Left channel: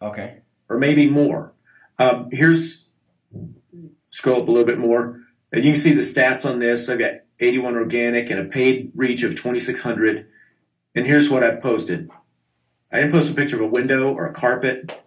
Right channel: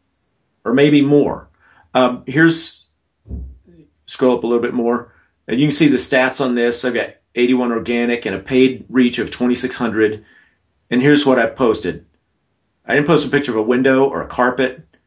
Okay. or maybe more. Here's, scroll up a little bit more, and you can see the stats on this. I got 81 organic and a paid reach of 2,600. And here's what I posted. I didn't post a picture of a window or a carpet.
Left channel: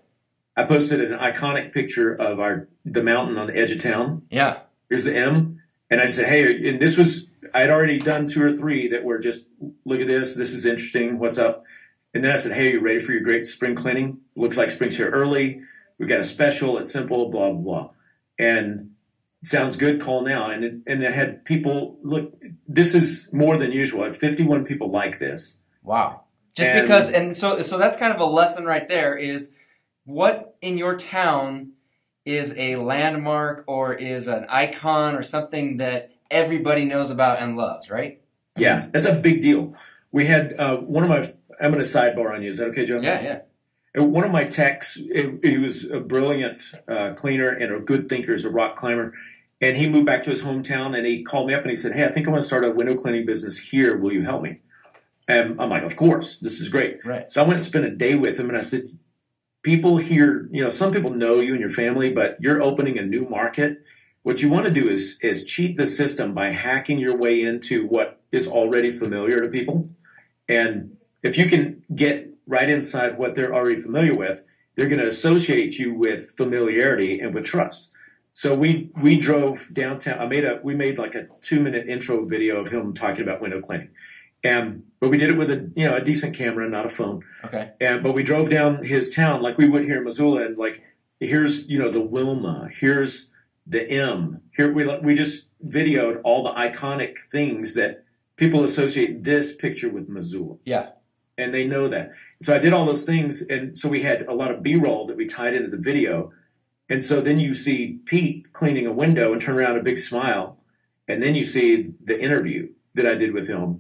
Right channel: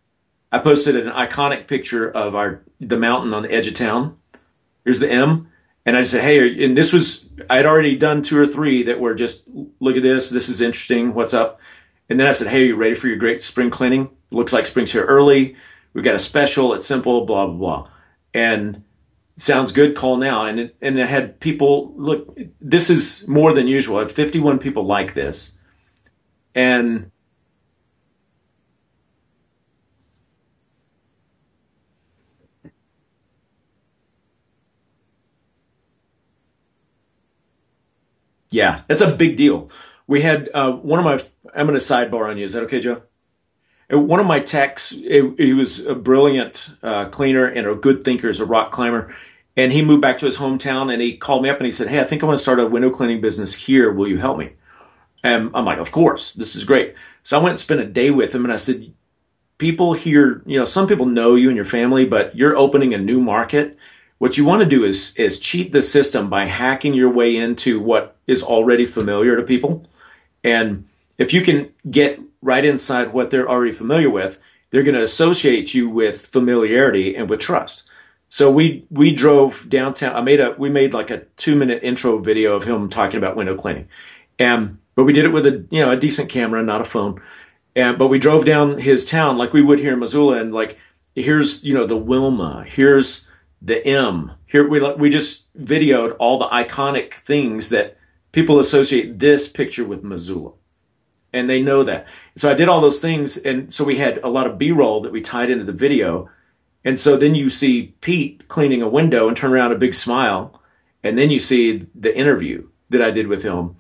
I posted an iconic picture of the mountain on the edge of town. Yeah. Here's the M. And I said, hey, and this was, I'd already done two or three that were just, look at this. This is interesting. What's up? And then I said, hey, are you ready for your great spring cleaning? Looks like spring's here early. We've got a special. It's simple, blah, blah, blah. And sounds good. Call now. And I had people, look, this is more than usual. I had 51 people like this. Wow. And Because, and so that's kind of a lesson right there is what in your town is a landmark or is an icon or something that everybody knows about and loves, right? yeah, that's a big deal. We had one of my, I'm going to sidebar on you. Is that okay, Joe? Yeah, yeah. And one of my techs, he was a brilliant cleaner and a good thinker, as a rock climber. And he moved back to his hometown and he called me up and he said, hey, I think I want to start a window cleaning business here. Will you help me? And I'm like, of course, this is great. Right. So I went and spent a day with him and I said, people here, some people know you and your family, but you're opening a new market. What you want to do is cheat the system by hacking your way into what is already familiar to people. And if you can get right inside what they're already familiar with, they're going to associate you with familiarity and with trust. So we drove downtown. We made like a 2-minute intro video of him talking about window cleaning. But we did it with a decent camera, not a phone. Okay. But we drove down his town like we would here in Missoula, and like here's the Wilma, here's the M. Here we just videoed all the iconic things that people associate this picture with Missoula. Yeah. And they know that. So I did all those things, and so we had a lot of B-roll that we tied into the video. And so then you see Pete cleaning a window and turn around a big smile, and then you see the interview that I did with him.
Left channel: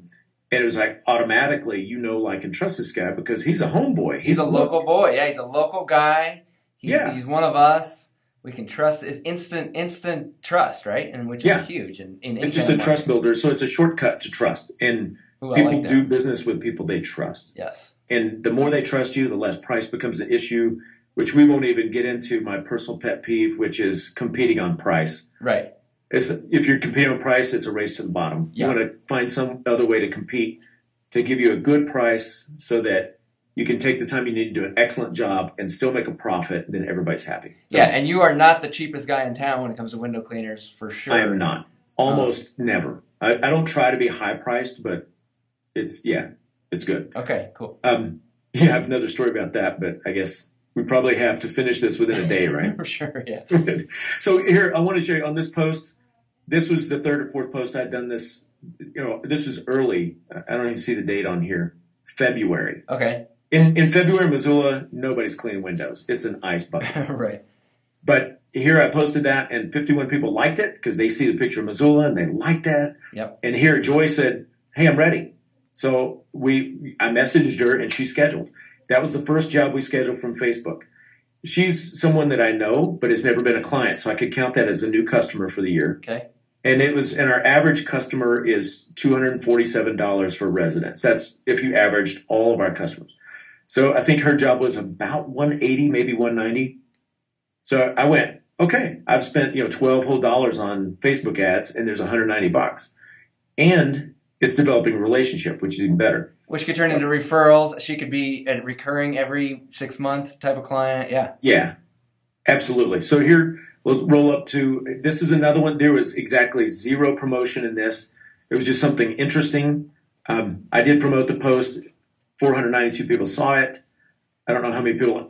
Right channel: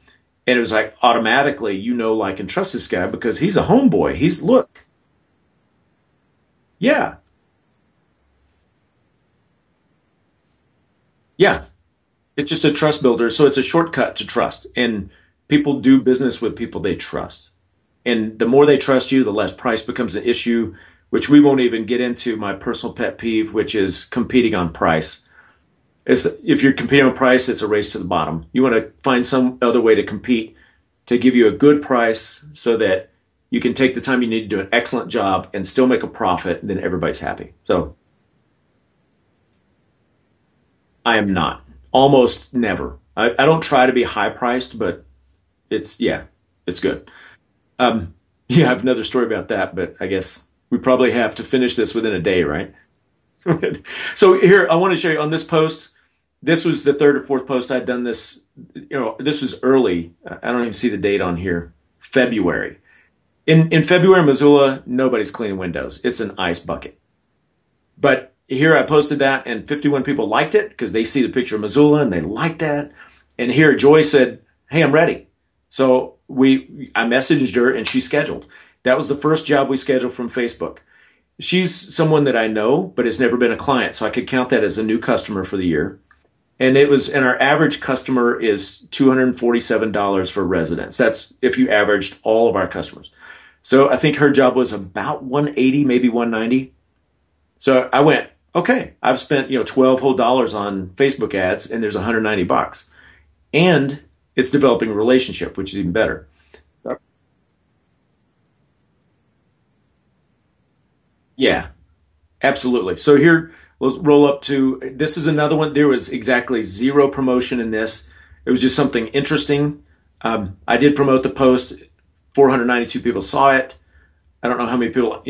And it was like automatically, like, and trust this guy because he's a homeboy. He's a local boy. Yeah, he's a local guy. Yeah. He's one of us. We can trust. It's instant trust, right? And which Yeah. is huge. And It's just a trust builder. So it's a shortcut to trust. And people do business with people they trust. Yes. And the more they trust you, the less price becomes an issue, which we won't even get into my personal pet peeve, which is competing on price. Right. If you're competing on price, it's a race to the bottom. You want to find some other way to compete to give you a good price so that you can take the time you need to do an excellent job and still make a profit, and then everybody's happy. So, yeah, and you are not the cheapest guy in town when it comes to window cleaners, for sure. I am not. Almost never. I don't try to be high-priced, but it's good. Okay, cool. I have another story about that, but I guess we probably have to finish this within a day, right? For sure, yeah. So here, I want to show you on this post. This was the third or fourth post I'd done this. This was early. I don't even see the date on here. February. Okay. In February, Missoula, nobody's cleaning windows. It's an ice bucket. Right. But here I posted that, and 51 people liked it because they see the picture of Missoula and they like that. Yep. And here Joy said, "Hey, I'm ready." So I messaged her and she scheduled. That was the first job we scheduled from Facebook. She's someone that I know, but has never been a client, so I could count that as a new customer for the year. Okay. And our average customer is $247 for residents. That's if you averaged all of our customers. So I think her job was about 180, maybe 190. So I went, okay, I've spent $12 whole on Facebook ads, and there's $190, and it's developing a relationship, which is even better. Which could turn into referrals. She could be a recurring every 6 month type of client. Yeah. Yeah, absolutely. So here, let's roll up to, this is another one. There was exactly zero promotion in this. It was just something interesting. I did promote the post. 492 people saw it. I don't know how many people,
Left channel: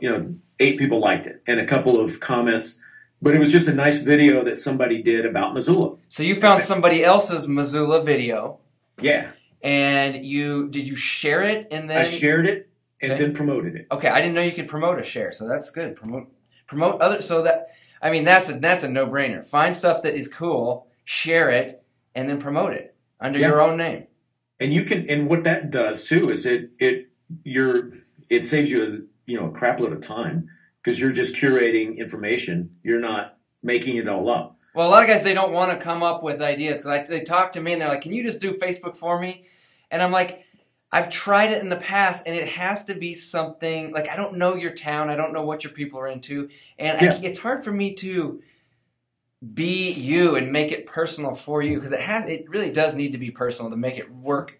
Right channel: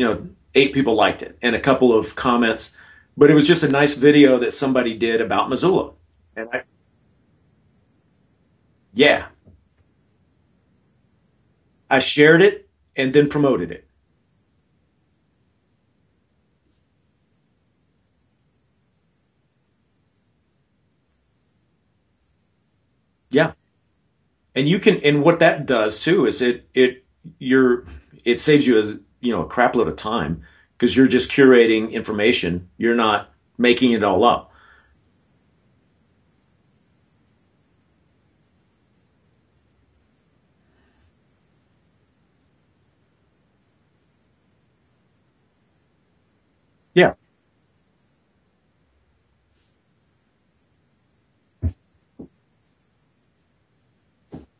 8 people liked it and a couple of comments. But it was just a nice video that somebody did about Missoula. So you found somebody else's Missoula video. Yeah. And did you share it? I shared it and then promoted it. Okay, I didn't know you could promote a share, so that's good. Promote other, so that, I mean, that's a no-brainer. Find stuff that is cool, share it, and then promote it under your own name. And you can, and what that does too is it saves you a crap load of time because you're just curating information. You're not making it all up. Well, a lot of guys, they don't want to come up with ideas because they talk to me and they're like, "Can you just do Facebook for me?" And I'm like, I've tried it in the past, and it has to be something like I don't know your town, I don't know what your people are into, and it's hard for me to be you and make it personal for you because it really does need to be personal to make it work.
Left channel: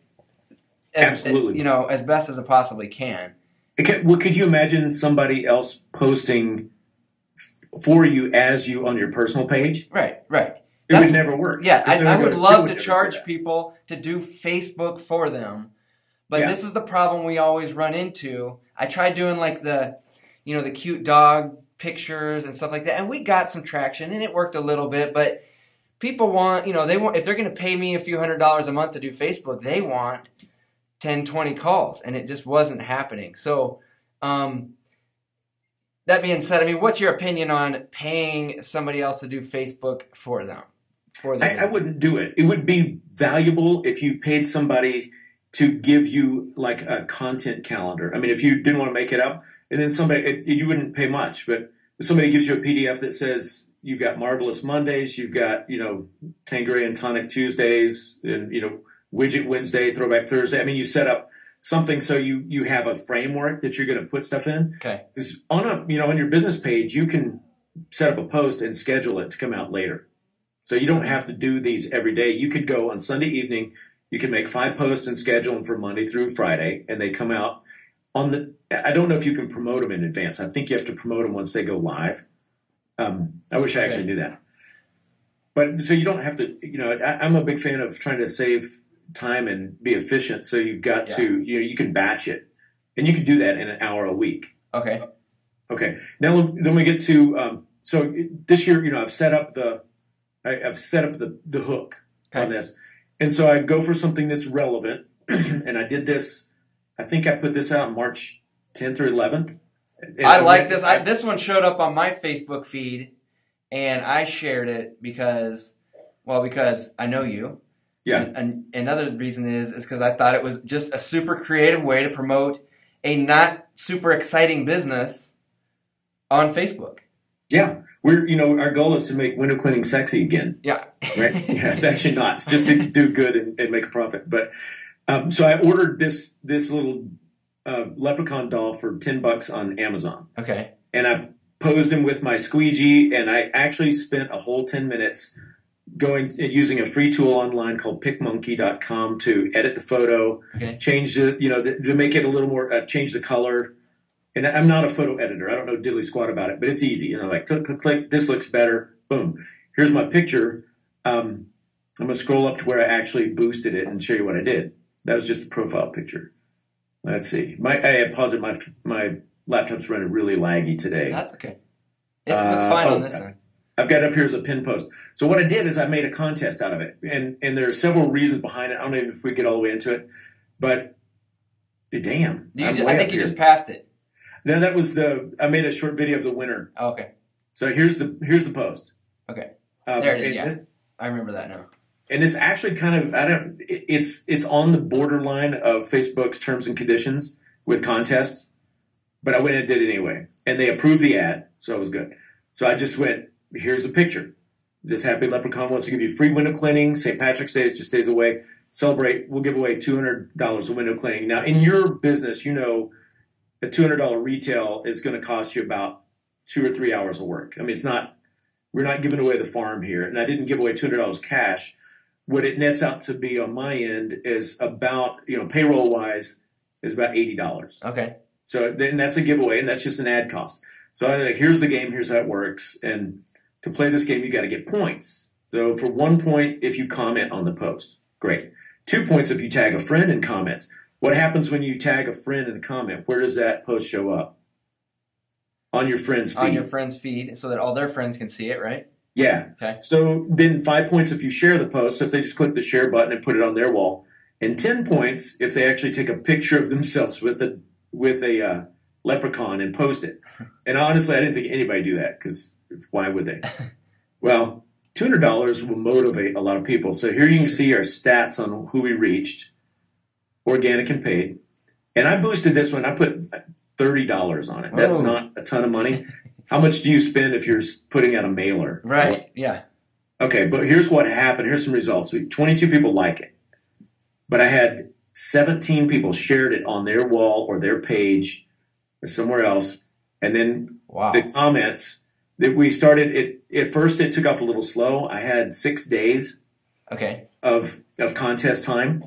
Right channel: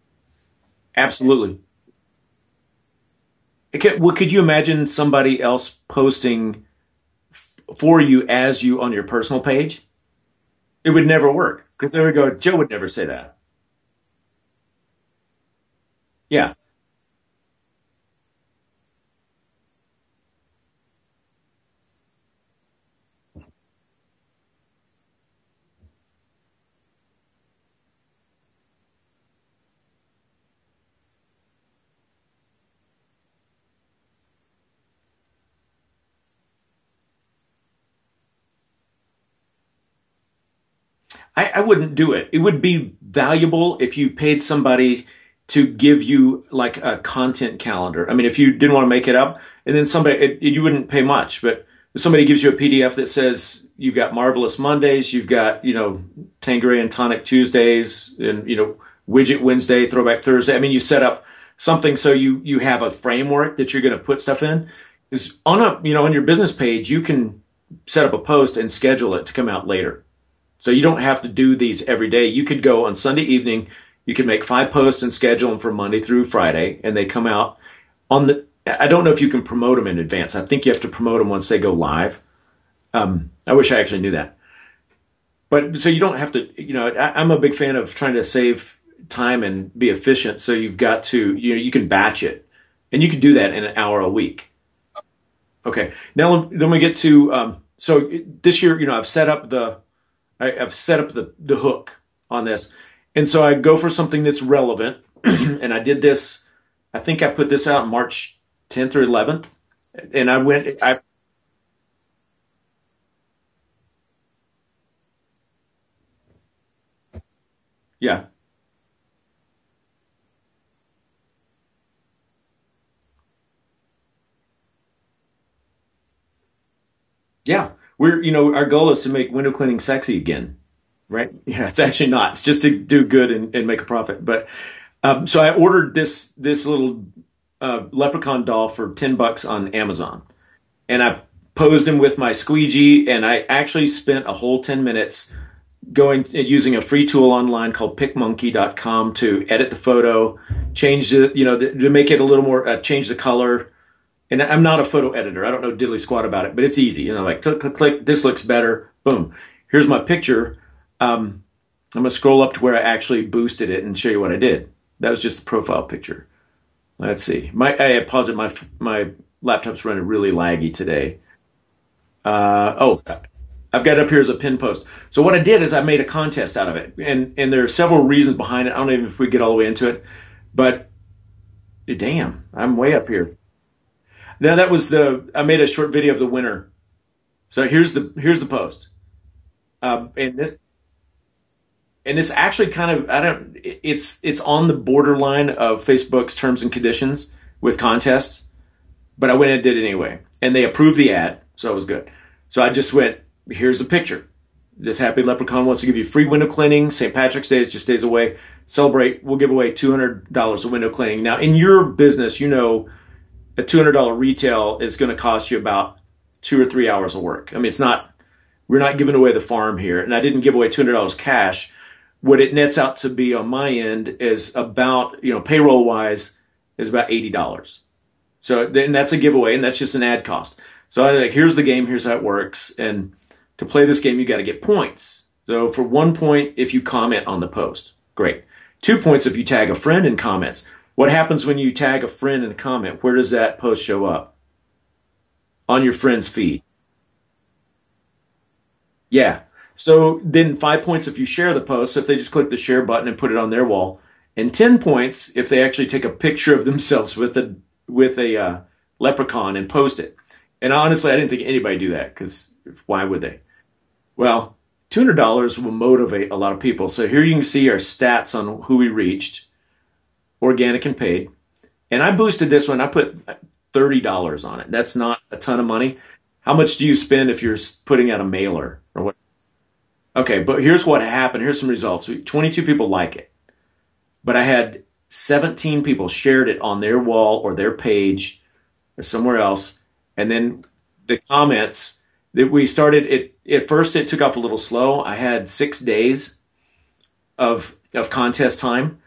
Absolutely, as best as it possibly can. Well, could you imagine somebody else posting for you as you on your personal page? Right. It would never work. Yeah, I would love to charge people to do Facebook for them. But this is the problem we always run into. I tried doing like the cute dog pictures and stuff like that, and we got some traction, and it worked a little bit. But people want, they want, if they're going to pay me a few $100s a month to do Facebook, they want 10, 20 calls, and it just wasn't happening. So, that being said, I mean, what's your opinion on paying somebody else to do Facebook for them? I wouldn't do it. It would be valuable if you paid somebody to give you like a content calendar. I mean, if you didn't want to make it up, and then you wouldn't pay much, but if somebody gives you a PDF that says you've got Marvelous Mondays, you've got, Tanqueray and Tonic Tuesdays, and, Widget Wednesday, Throwback Thursday. I mean, you set up something so you have a framework that you're going to put stuff in. Okay. On your business page, you can set up a post and schedule it to come out later. So you don't have to do these every day. You could go on Sunday evening. You can make 5 posts and schedule them for Monday through Friday, and they come out I don't know if you can promote them in advance. I think you have to promote them once they go live. I wish I actually knew that. But so you don't have to, I'm a big fan of trying to save time and be efficient. So you've got to, you can batch it, and you can do that in an hour a week. Okay. Now then we get to, so this year, I've set up the hook on this. And so I go for something that's relevant. And I did this, I think I put this out March 10th or 11th. And I like this. This one showed up on my Facebook feed, and I shared it because I know you. Yeah. And another reason is because I thought it was just a super creative way to promote a not super exciting business on Facebook. Yeah. Our goal is to make window cleaning sexy again. Yeah. Right? Yeah, it's actually not. It's just to do good and make a profit. But so I ordered this little leprechaun doll for $10 on Amazon. Okay. And I posed him with my squeegee, and I actually spent a whole 10 minutes using a free tool online called PicMonkey.com to edit the photo, change to make it a little more, change the color. And I'm not a photo editor. I don't know diddly squat about it, but it's easy. Like click, click, click. This looks better. Boom. Here's my picture. I'm going to scroll up to where I actually boosted it and show you what I did. That was just a profile picture. Let's see. I apologize. My laptop's running really laggy today. That's okay. It looks fine on this end. I've got it up here as a pin post. So what I did is I made a contest out of it. And there are several reasons behind it. I don't know if we get all the way into it. But damn. I think you just passed it. No, that was I made a short video of the winner. Oh, okay. So here's the post. Okay. There it is. Yeah. I remember that now. And it's actually kind of it's on the borderline of Facebook's terms and conditions with contests, but I went and did it anyway, and they approved the ad, so it was good. So I just went, here's the picture. This happy leprechaun wants to give you free window cleaning. St. Patrick's Day is just days away. Celebrate. We'll give away $200 of window cleaning. Now in your business, a $200 retail is going to cost you about 2 or 3 hours of work. I mean, we're not giving away the farm here, and I didn't give away $200 cash. What it nets out to be on my end is about, payroll wise, is about $80. Okay. So then that's a giveaway, and that's just an ad cost. So I'm like, here's the game, here's how it works. And to play this game, you got to get points. So for 1 point, if you comment on the post, great. 2 points if you tag a friend in comments. What happens when you tag a friend in a comment? Where does that post show up? On your friend's feed. On your friend's feed, so that all their friends can see it, right? Yeah. Okay. So then 5 points if you share the post, so if they just click the share button and put it on their wall, and 10 points if they actually take a picture of themselves with a leprechaun and post it. And honestly, I didn't think anybody do that, because why would they? Well, $200 will motivate a lot of people. So here you can see our stats on who we reached, organic and paid. And I boosted this one. I put $30 on it. That's not a ton of money. How much do you spend if you're putting out a mailer? Right, yeah. Okay, but here's what happened. Here's some results. 22 people like it. But I had 17 people shared it on their wall or their page or somewhere else. And then the Wow. comments that we started, at first it took off a little slow. I had 6 days Okay. of contest time.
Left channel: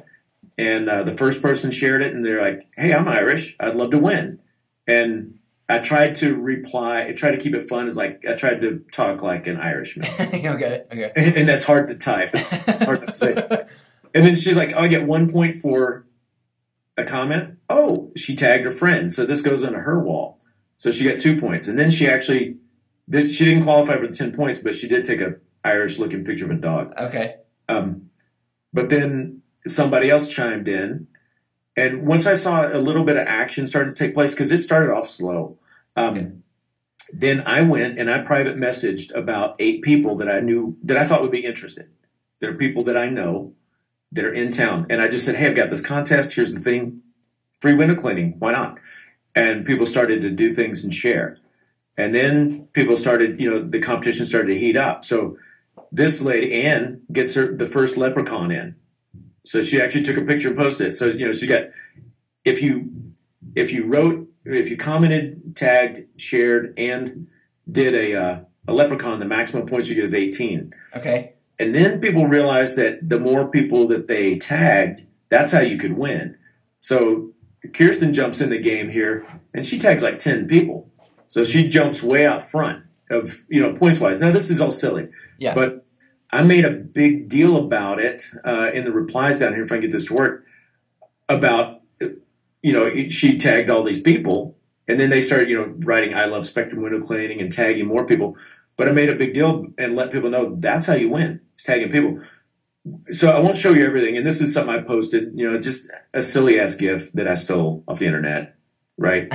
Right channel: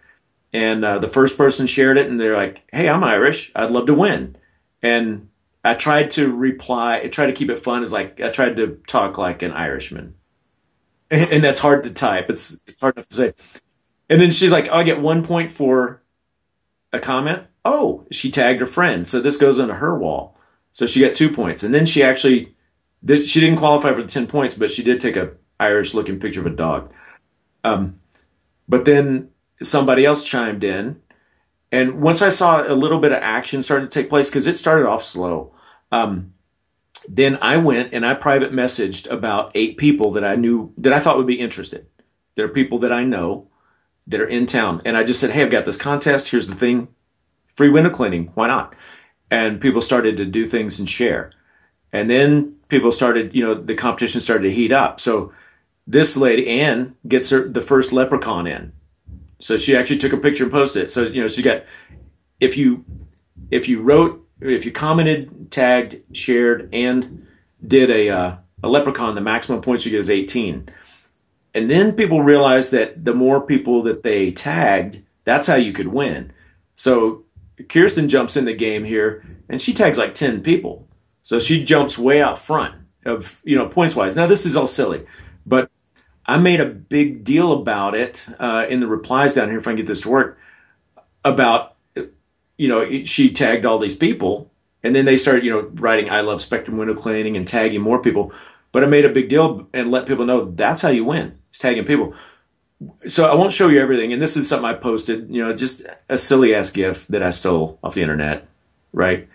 And the first person shared it, and they're like, "Hey, I'm Irish. I'd love to win." And I tried to reply, I tried to keep it fun. It's like I tried to talk like an Irishman, Okay. Okay. and that's hard to type. It's hard to say. And then she's like, "Oh, I get 1 point for a comment." Oh, she tagged her friend, so this goes on her wall. So she got 2 points, and then she didn't qualify for the 10 points, but she did take a Irish-looking picture of a dog. Okay. Um, but then somebody else chimed in. And once I saw a little bit of action started to take place, because it started off slow, Okay. then I went and I private messaged about 8 people that I knew that I thought would be interested. There are people that I know that are in town. And I just said, "Hey, I've got this contest. Here's the thing. Free window cleaning. Why not?" And people started to do things and share. And then people started, the competition started to heat up. So this lady, Ann, gets the first leprechaun in. So she actually took a picture and posted it. So, she got, if you if you commented, tagged, shared, and did a leprechaun, the maximum points you get is 18. Okay. And then people realized that the more people that they tagged, that's how you could win. So Kirsten jumps in the game here, and she tags like 10 people. So she jumps way out front of, points wise. Now, this is all silly, Yeah. but I made a big deal about it in the replies down here, if I can get this to work, about, she tagged all these people, and then they started, writing "I love Spectrum window cleaning" and tagging more people. But I made a big deal and let people know that's how you win. It's tagging people. So I won't show you everything. And this is something I posted, just a silly ass GIF that I stole off the internet, right?